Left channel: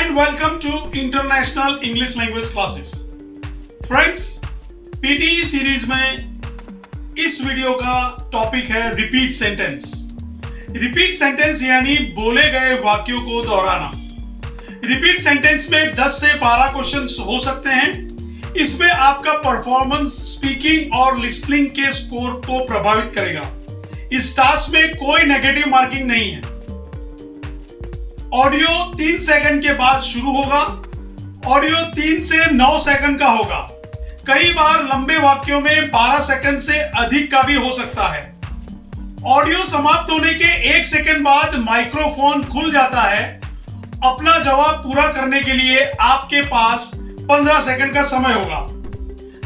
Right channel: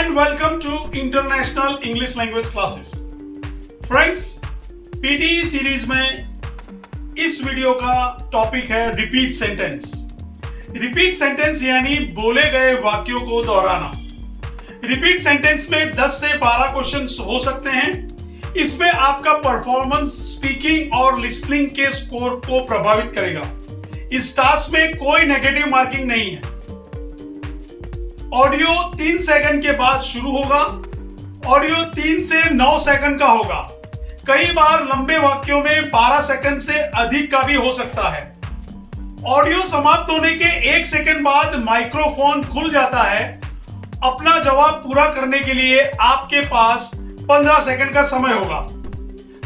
and welcome to International English Language Classes. Friends, PTE series में इस video का topic है रिपीट सेंटेंस। रिपीट सेंटेंस यानी बोले गए वाक्यों को दोहराना। रिपीट सेंटेंस में 10 से 12 क्वेश्चंस हो सकते हैं। इसमें आपका परफॉर्मेंस स्पीकिंग और लिसनिंग के स्कोर को प्रभावित करेगा। इस टास्क में कोई नेगेटिव मार्किंग नहीं है। ऑडियो 3 सेकंड के बाद शुरू होगा। ऑडियो 3 से 9 सेकंड का होगा। कई बार लंबे वाक्यों में 12 सेकंड से अधिक का भी हो सकता है। ऑडियो समाप्त होने के 1 सेकंड बाद माइक्रोफोन खुल जाता है। अपना जवाब पूरा करने के लिए आपके पास 15 सेकंड का समय होगा।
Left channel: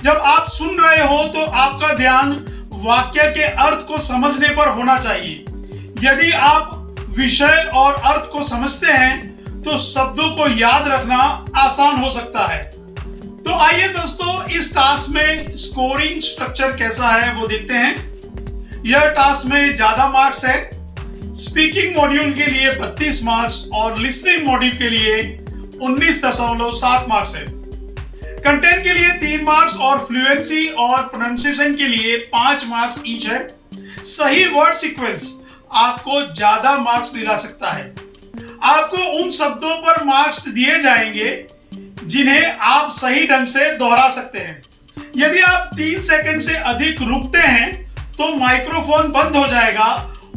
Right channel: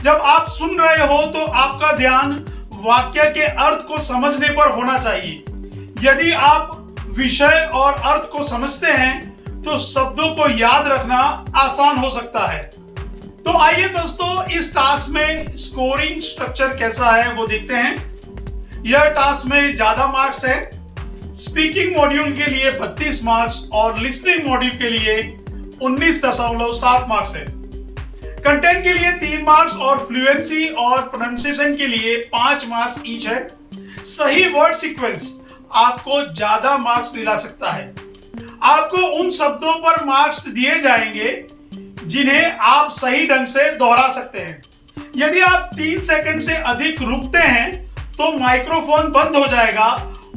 जब आप सुन रहे हो तो आपका ध्यान वाक्य के अर्थ को समझने पर होना चाहिए। यदि आप विषय और अर्थ को समझते हैं तो शब्दों को याद रखना आसान हो सकता है। तो आइए दोस्तों, इस टास्क में स्कोरिंग स्ट्रक्चर कैसा है वो देखते हैं। यह टास्क में ज्यादा मार्क्स है। स्पीकिंग मॉड्यूल के लिए 32 मार्क्स और लिसनिंग मॉड्यूल के लिए 19.7 मार्क्स है। कंटेंट के लिए 3 मार्क्स और फ्लुएंसी और प्रोनाउंसिएशन के लिए 5 मार्क्स ईच है। सही वर्ड सीक्वेंस आपको ज्यादा दिला दिला सकता है। आपको उन शब्दों पर मार्क्स दिए जाएंगे जिन्हें आप सही ढंग से दोहरा सकते हैं। यदि आप 3 सेकंड से अधिक रुकते हैं तो माइक्रोफोन बंद हो जाएगा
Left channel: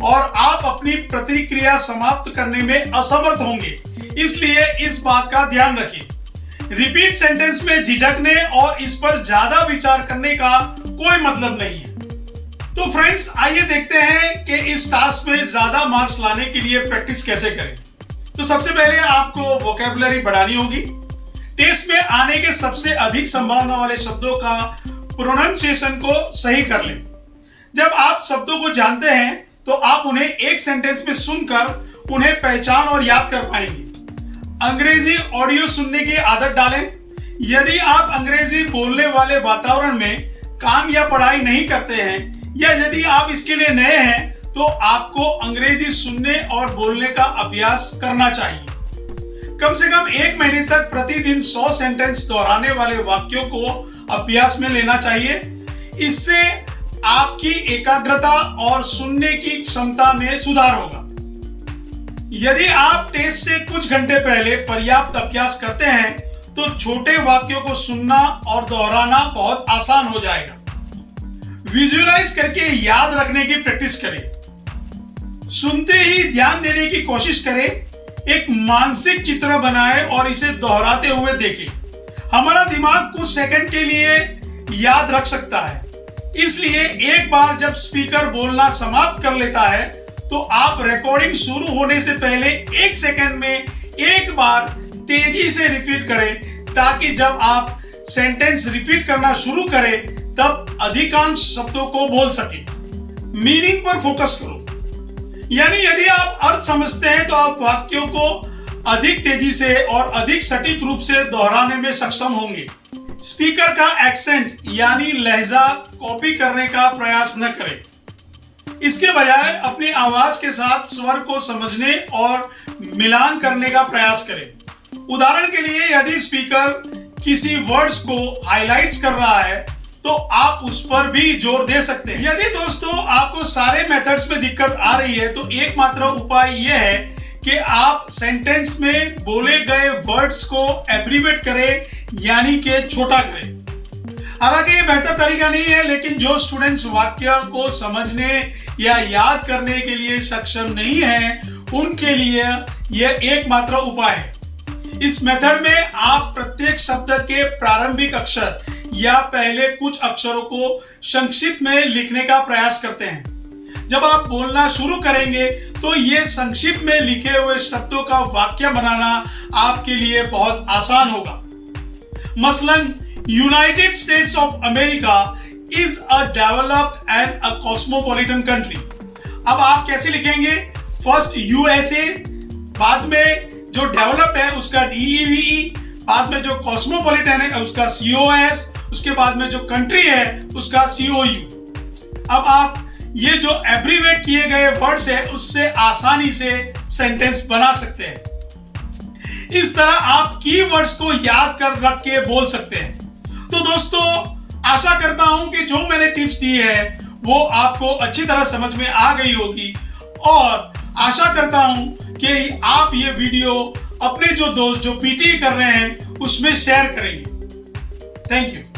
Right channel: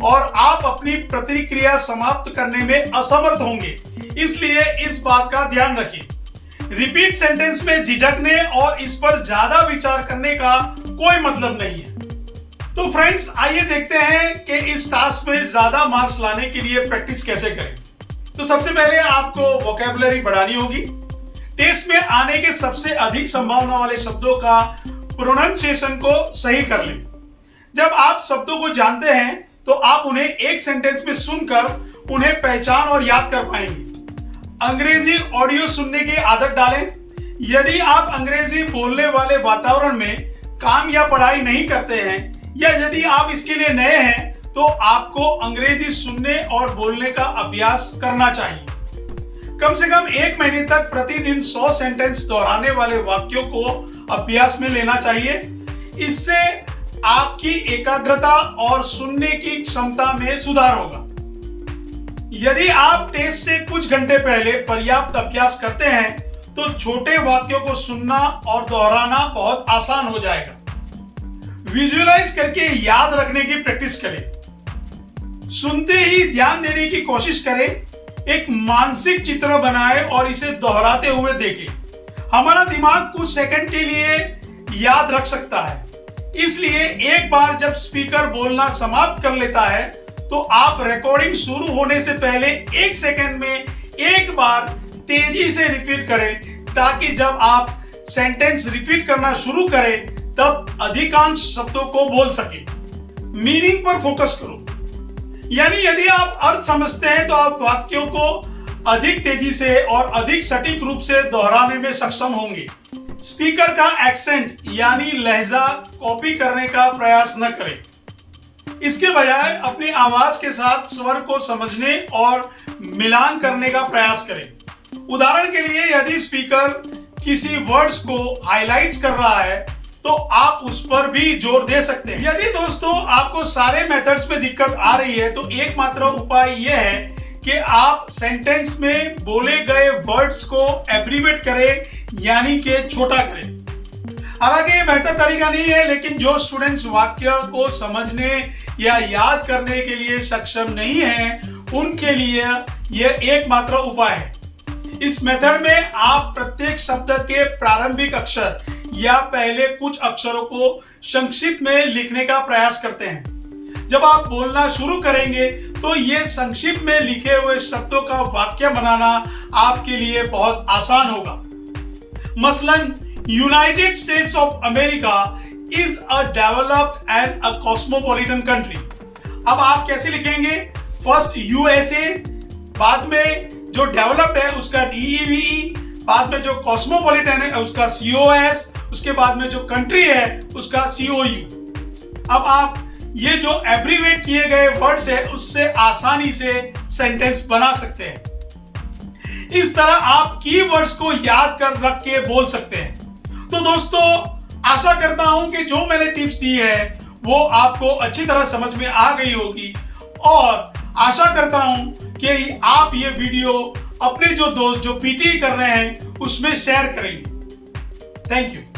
और आप अपनी प्रतिक्रिया समाप्त करने में असमर्थ होंगे। इसलिए इस बात का ध्यान रखिए। रिपीट सेंटेंस में झिझकने और इस पर ज्यादा विचार करने का कोई मतलब नहीं है। तो फ्रेंड्स, आइए देखते हैं कि इस टास्क में ज्यादा मार्क्स लाने के लिए प्रैक्टिस कैसे करें। तो सबसे पहले आपको वोकैबुलरी बढ़ानी होगी। टेस्ट में आने के सबसे अधिक संभावना वाले शब्दों का प्रोनाउंसिएशन को सही कर लें। जब आप शब्दों को जानते हैं तो आप उन्हें एक सेंटेंस में सुनकर उन्हें पहचान और याद कर पाएंगे। अंग्रेजी ऑडियो सुनने की आदत डालें। यदि आप अंग्रेजी बोलने वाले वातावरण में काम या पढ़ाई नहीं करते हैं या यदि आप इसके लिए नए हैं तो आपको अंग्रेजी सुनने और बोलने का अभ्यास करना चाहिए। कम से कम 1 महीने तक प्रतिदिन 100 सेंटेंस दोहराने वाले वाक्यों को अभ्यास में लेना चाहिए। इससे आपकी एकाग्रता और सुनने की क्षमता में सुधार होगा। यदि आप टेस्ट से कुछ घंटे पहले पर्याप्त अभ्यास करते हैं तो छोटे वाक्यों को सुनना और दोहराना बहुत आसान हो जाएगा। विजुअलाइज करके याद रखने की प्रैक्टिस करें। सुनते ही ध्यान देने की कोशिश करें। एक मानसिक चित्र बनाएं और इसे दोहराते हुए देखें। हमारा दिमाग कुछ सेकंड के लिए याद रख सकता है। इसलिए एक बार जब स्पीकर बोलना समाप्त कर लेता है तो आप रिकॉर्डिंग शुरू होने से पहले 1 सेकंड में एक बार तेजी से रिपीट करें ताकि जब आप सेंटेंस रिपीट करना शुरू करें तब अधिकांश शब्दों को बोल सके। मीनिंग पर फोकस करो। यानी यदि आप अर्थ समझते हैं तो आप वाक्यों को अधिक तेजी से और अधिक सटीक रूप से दोहराने में सक्षम होंगे। स्पीकर का एक्सेंट यानी लहजा कॉपी करने का प्रयास न करें। इसके बजाय अपनी आवाज के साथ स्वर को समझने और मिलान करने का प्रयास करें। उदाहरण के लिए यदि स्पीकर किसी वर्ड्स को हाइलाइट्स कर रहा है तो आप उस पर भी जोर दे सकते हैं। यदि दोस्तों आपको सारे मेथड्स में दिक्कत आ रही है तो एकमात्र उपाय यह है कि आप सेंटेंस में बोले गए वर्ड्स को एब्रीवेट करें यानी कि छोटा करें। हालांकि ये बेहतर तरीका नहीं है, लेकिन जो स्टूडेंट्स वाक्य को समझने या याद करने के लिए सक्षम नहीं हैं उनके लिए यह एकमात्र उपाय है। इस मेथड में आप प्रत्येक शब्द के प्रारंभिक अक्षर या पहले कुछ अक्षरों को संक्षिप्त में लिखने का प्रयास करते हैं। जब आप बोलना शुरू करेंगे तो ये संक्षिप्त में लिखे हुए शब्दों का वाक्य बनाना आपके लिए बहुत आसान होगा। मसलन, United states of America is a developed and a cosmopolitan country. अब आप कैसे लिखेंगे? फर्स्ट यूएसए, बाद में जो डेवलप्ड है उसका डीईवीई, बाद में जो कॉस्मोपॉलिटन है उसका COS, उसके बाद में जो कंट्री है उसका COU। अब आप ये जो एब्रीवेट किए गए वर्ड्स है उससे आसानी से सेंटेंस बना सकते हैं। इस तरह आप कीवर्ड्स को याद कर रख के बोल सकते हैं। तो दोस्तों, आशा करता हूं कि जो मैंने टिप्स दी है वो आपको अच्छी तरह समझ में आ गई होगी, और आशा करता हूं कि आप ये वीडियो अपने जो दोस्त जो पीटी कर रहे हैं उसमें शेयर करेंगे। Thank you.